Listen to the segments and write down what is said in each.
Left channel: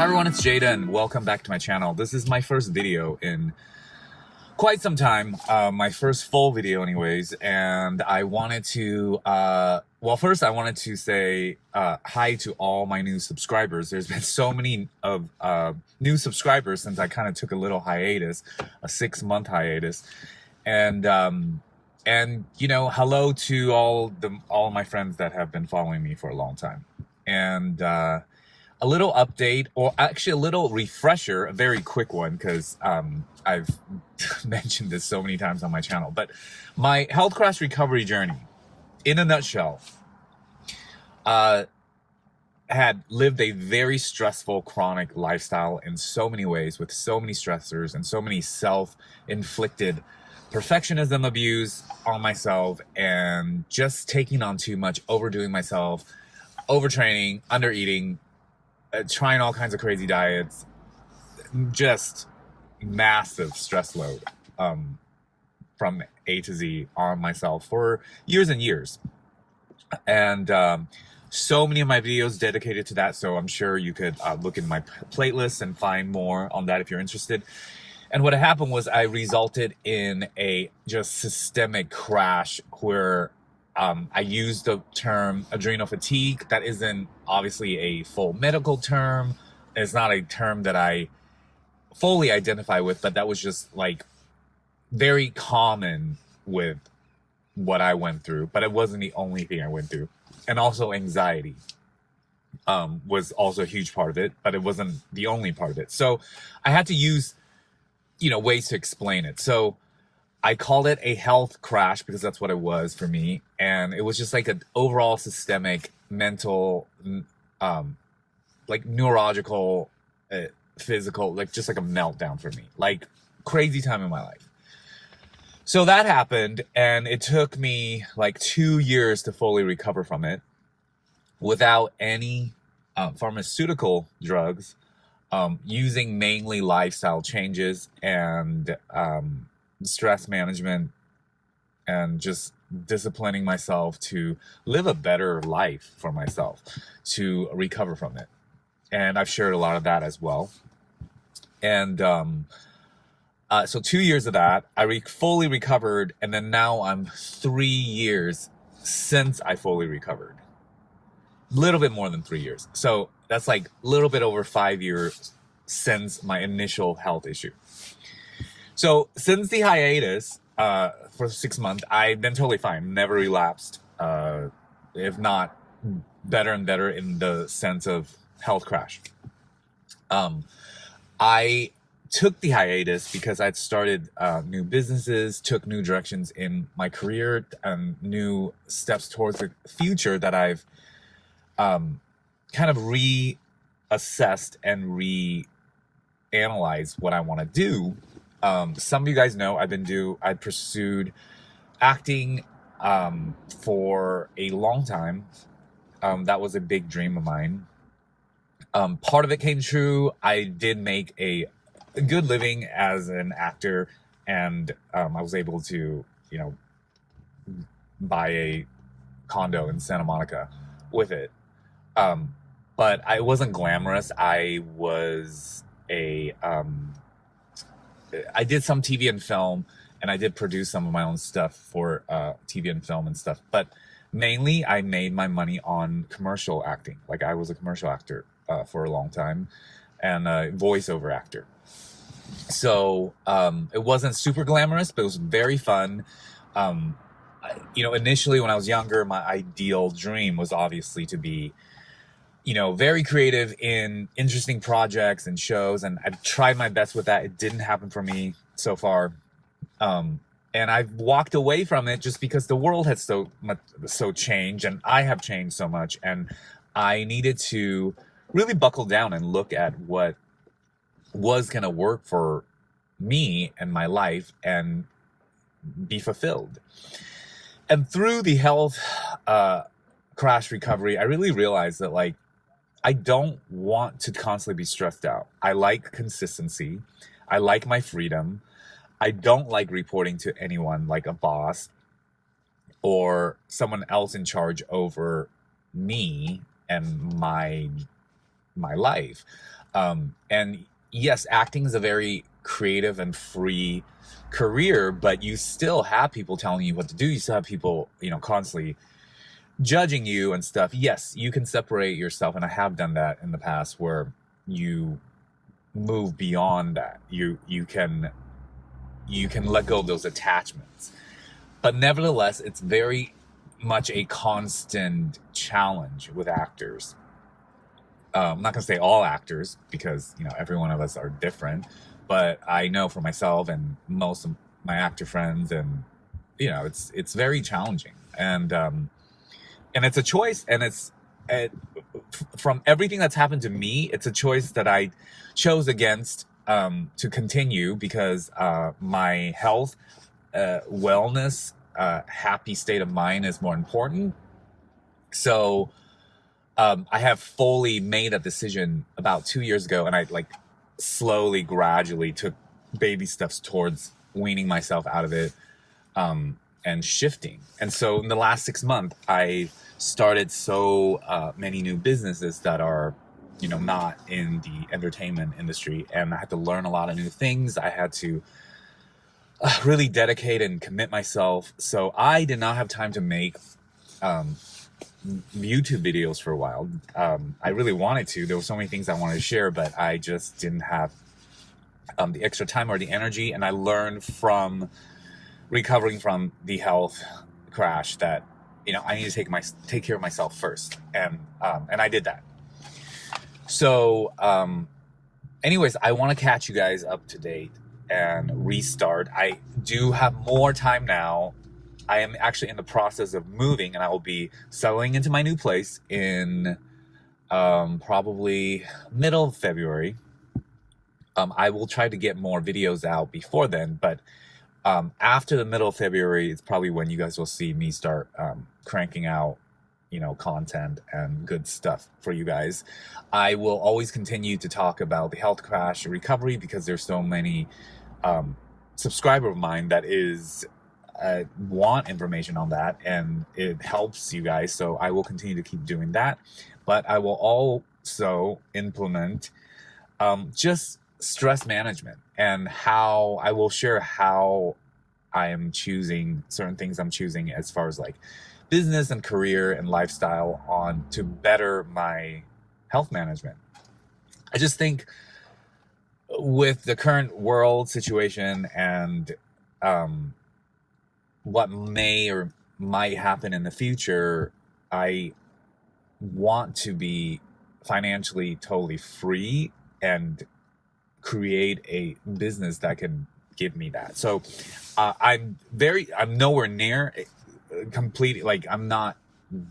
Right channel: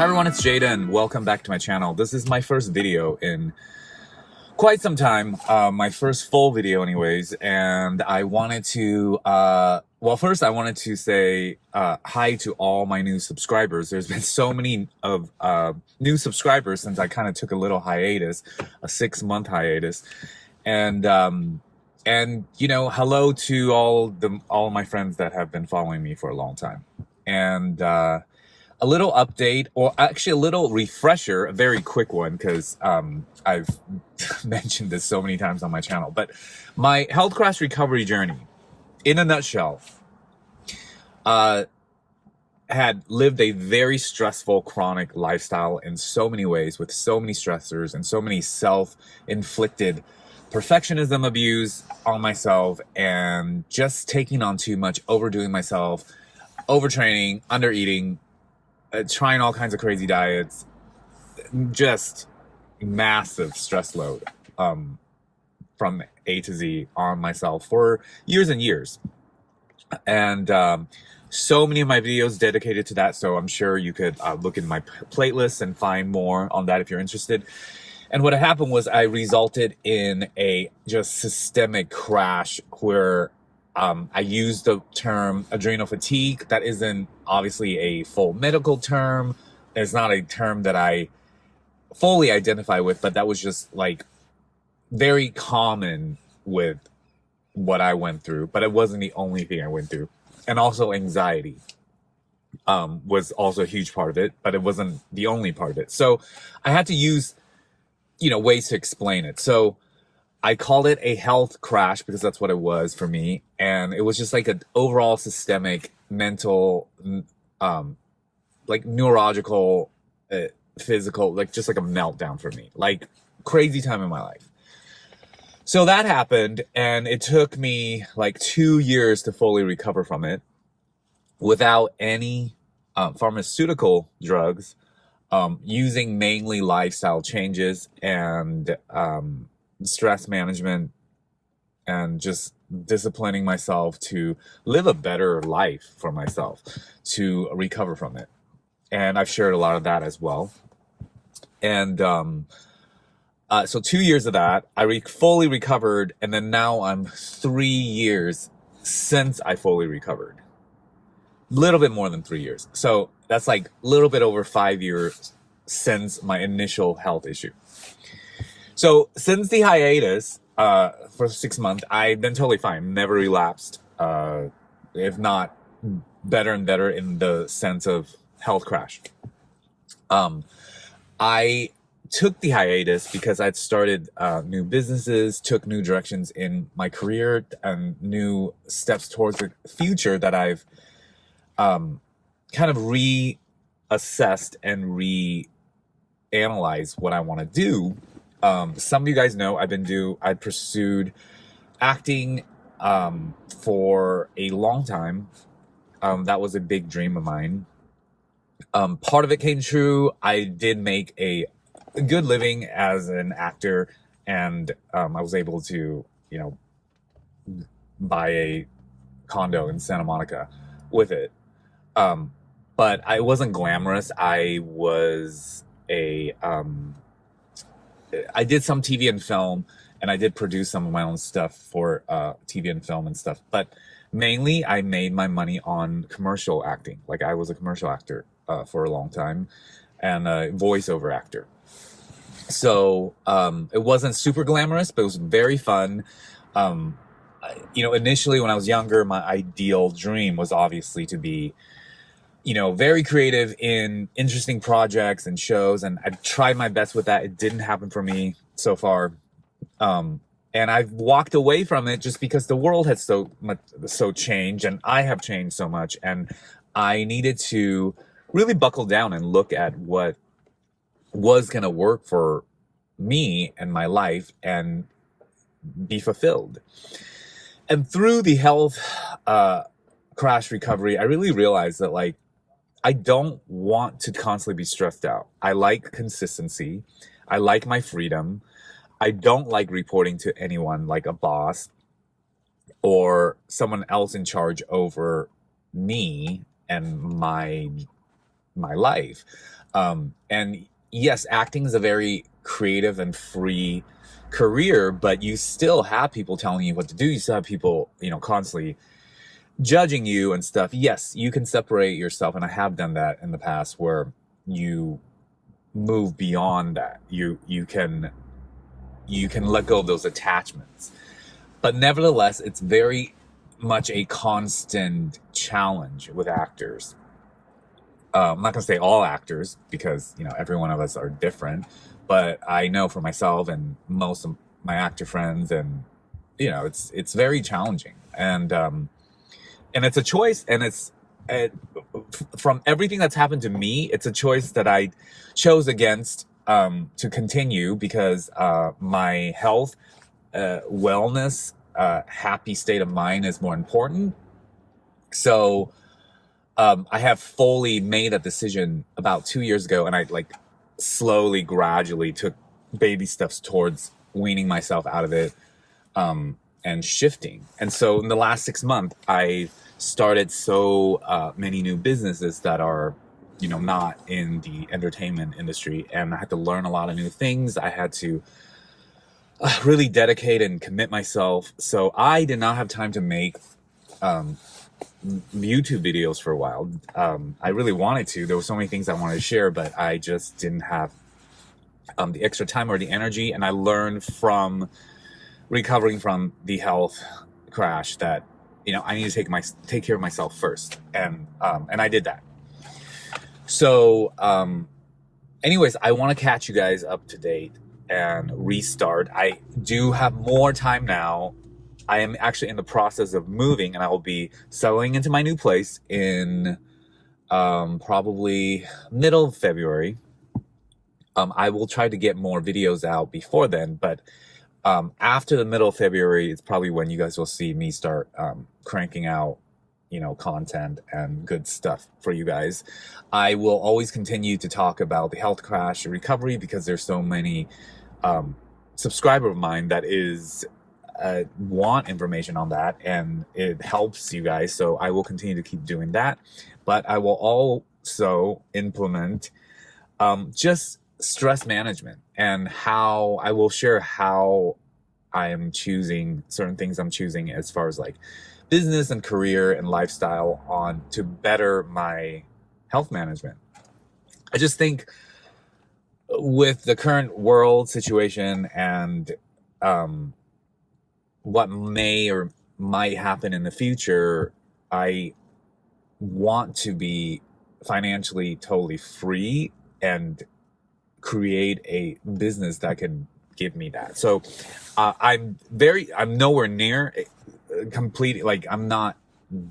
Hi everyone, it's Jaden. Welcome back to my channel. This is my first video in quite some time, my first full video anyways, and I wanted to, first I wanted to say hi to all my new subscribers. There's been so many of new subscribers since I kind of took a little hiatus, a 6-month hiatus, and you know, hello to all my friends that have been following me for a long time. And a little update, or actually a little refresher, a very quick one, because I've mentioned this so many times on my channel, but my health crash recovery journey, in a nutshell, had lived a very stressful, chronic lifestyle in so many ways, with so many stressors and so many self-inflicted perfectionism abuse on myself, and just taking on too much, overdoing myself, overtraining, undereating, trying all kinds of crazy diets, just massive stress load from A to Z on myself for years and years. And so many of my videos dedicated to that, so I'm sure you could look in my playlist and find more on that if you're interested. And what happened was I resulted in a just systemic crash where I used the term adrenal fatigue. That isn't obviously a full medical term. It's not a term that I fully identify with, but that was just like very common with what I went through. But it wasn't the only thing I went through. And also anxiety was also a huge part of it, but it wasn't the only part of it. So I had to use, ways to explain it. So I called it a health crash because that's what it was for me. And it was just like an overall systemic, mental, like neurological, physical, like just like a meltdown for me, like crazy time in my life. So that happened, and it took me like 2 years to fully recover from it without any pharmaceutical drugs, using mainly lifestyle changes and stress management, and just disciplining myself to live a better life for myself to recover from it. And I've shared a lot of that as well. And so 2 years of that, I fully recovered, and then now I'm 3 years since I fully recovered. Little bit more than 3 years. So that's like a little bit over 5 years since my initial health issue. So since the hiatus for 6 months, I've been totally fine, never relapsed, if not better and better in the sense of health crash. I took the hiatus because I'd started new businesses, took new directions in my career, and new steps towards the future that I've kind of reassessed and reanalyzed what I want to do. Some of you guys know I pursued acting for a long time. That was a big dream of mine. Part of it came true. I did make a good living as an actor, and I was able to, buy a condo in Santa Monica with it. But I wasn't glamorous. I did some TV and film, and I did produce some of my own stuff for TV and film and stuff. But mainly, I made my money on commercial acting. Like, I was a commercial actor for a long time, and a voiceover actor. So it wasn't super glamorous, but it was very fun. Initially when I was younger, my ideal dream was obviously to be, very creative in interesting projects and shows, and I've tried my best with that. It didn't happen for me so far. And I've walked away from it just because the world has so changed, and I have changed so much, and I needed to really buckle down and look at what was going to work for me and my life and be fulfilled. And through the health crash recovery, I really realized that, like, I don't want to constantly be stressed out. I like consistency. I like my freedom. I don't like reporting to anyone like a boss or someone else in charge over me and my my life. And yes, acting is a very creative and free career, but you still have people telling you what to do. You still have people, constantly judging you and stuff. Yes, you can separate yourself, and I have done that in the past, where you move beyond that. You can let go of those attachments. But nevertheless, it's very much a constant challenge with actors. I'm not going to say all actors, because, every one of us are different. But I know for myself and most of my actor friends, and, it's very challenging. And it's a choice, and from everything that's happened to me, it's a choice that I chose against to continue, because my health, wellness, happy state of mind is more important. So I have fully made a decision about 2 years ago, and I slowly, gradually took baby steps towards weaning myself out of it and shifting. And so in the last 6 months, I started so many new businesses that are not in the entertainment industry, and I had to learn a lot of new things. I had to really dedicate and commit myself. So I did not have time to make YouTube videos for a while. I really wanted to. There were so many things I wanted to share, but I just didn't have the extra time or the energy. And I learned from recovering from the health crash that I need to take care of myself first, and I did that. So anyways, I want to catch you guys up to date and restart. I do have more time now. I am actually in the process of moving, and I will be settling into my new place in probably middle of February. I will try to get more videos out before then, but after the middle of February, it's probably when you guys will see me start cranking out content and good stuff for you guys. I will always continue to talk about the health crash recovery, because there's so many subscriber of mine that want information on that, and it helps you guys. So I will continue to keep doing that, but I will also implement just stress management, and how I will share how I am choosing certain things I'm choosing as far as business and career and lifestyle on to better my health management. I just think with the current world situation and what may or might happen in the future, I want to be financially totally free and create a business that can give me that. So I'm nowhere near complete. I'm not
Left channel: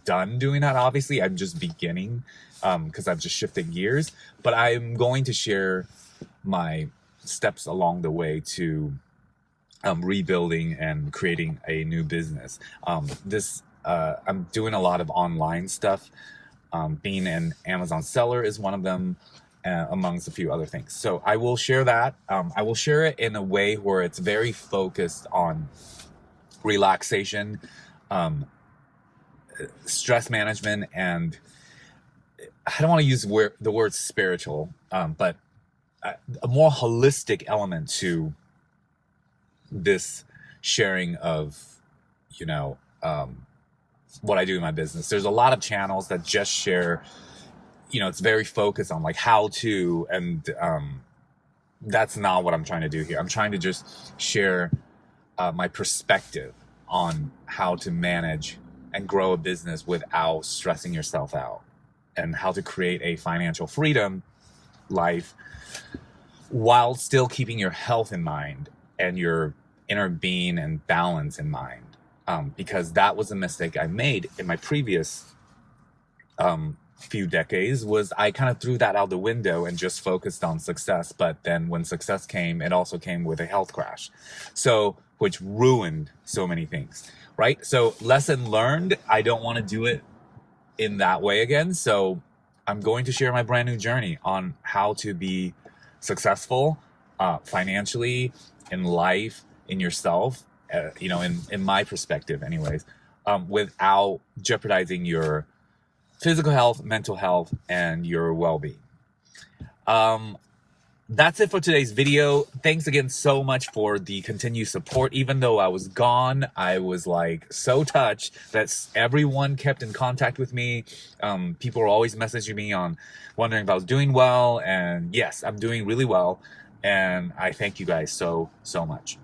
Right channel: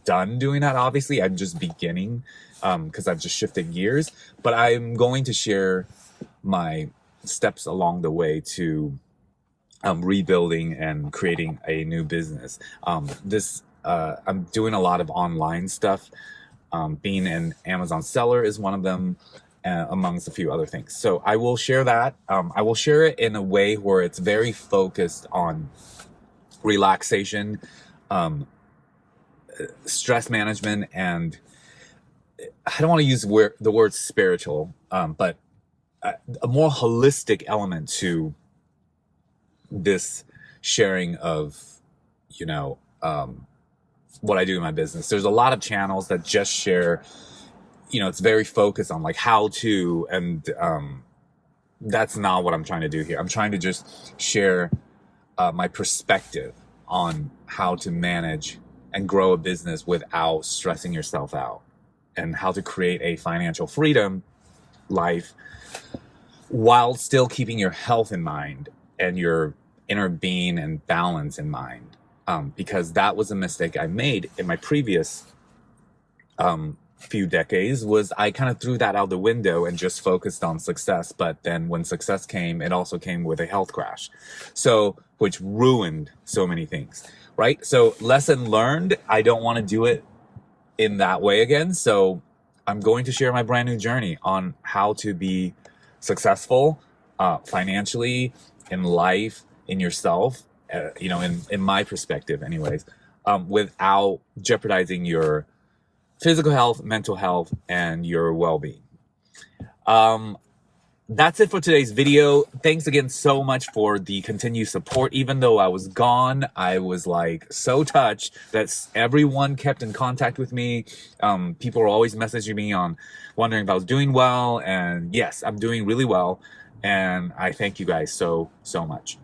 done doing that. Obviously, I'm just beginning because I've just shifted gears, but I'm going to share my steps along the way to rebuilding and creating a new business. I'm doing a lot of online stuff. Being an Amazon seller is one of them, amongst a few other things. So I will share that. I will share it in a way where it's very focused on relaxation, stress management, and I don't want to use the word spiritual, but a more holistic element to this sharing of, what I do in my business. There's a lot of channels that just share, it's very focused on how to, and that's not what I'm trying to do here. I'm trying to just share my perspective on how to manage and grow a business without stressing yourself out, and how to create a financial freedom life while still keeping your health in mind and your inner being and balance in mind. Because that was a mistake I made in my previous few decades, was I kind of threw that out the window and just focused on success. But then when success came, it also came with a health crash, which ruined so many things, right? So lesson learned, I don't want to do it in that way again. So I'm going to share my brand new journey on how to be successful financially, in life, in yourself, in my perspective anyways, without jeopardizing your physical health, mental health, and your well-being. That's it for today's video. Thanks again so much for the continued support. Even though I was gone, I was like so touched that everyone kept in contact with me. People were always messaging me on wondering if I was doing well. And yes, I'm doing really well. And I thank you guys so much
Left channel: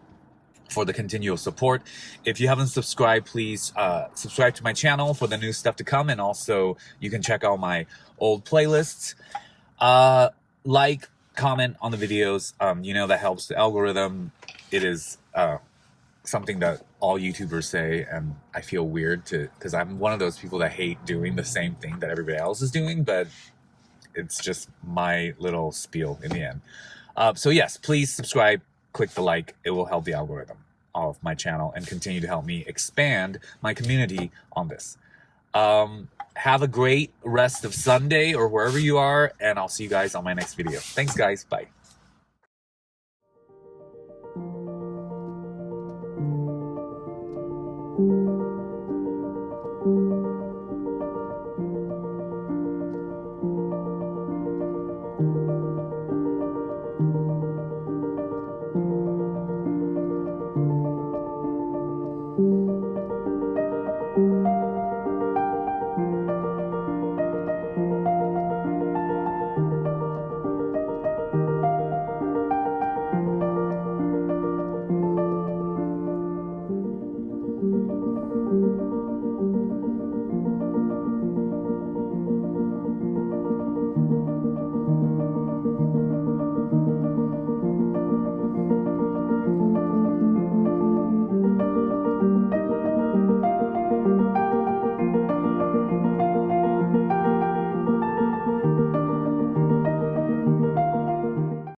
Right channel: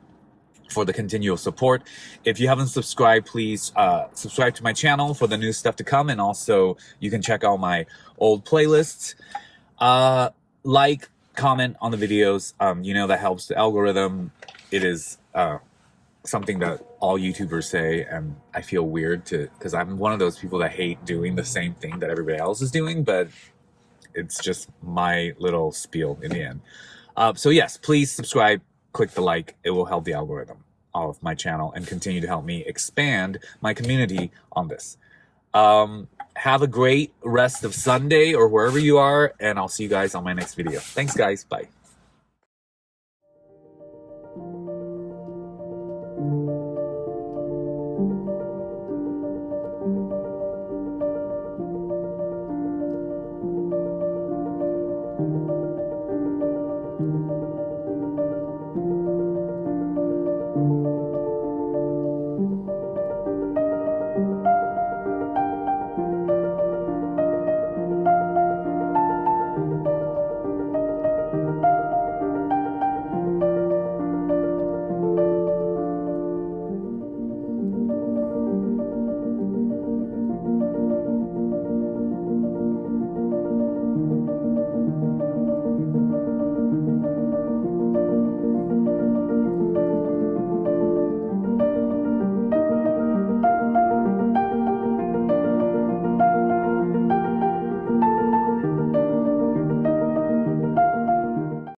for the continual support. If you haven't subscribed, please subscribe to my channel for the new stuff to come. And also you can check out my old playlists. Like, comment on the videos. You know, that helps the algorithm. It is something that all YouTubers say, and I feel weird because I'm one of those people that hate doing the same thing that everybody else is doing, but it's just my little spiel in the end. So yes, please subscribe, click the like. It will help the algorithm of my channel and continue to help me expand my community on this. Have a great rest of Sunday or wherever you are, and I'll see you guys on my next video. Thanks, guys. Bye.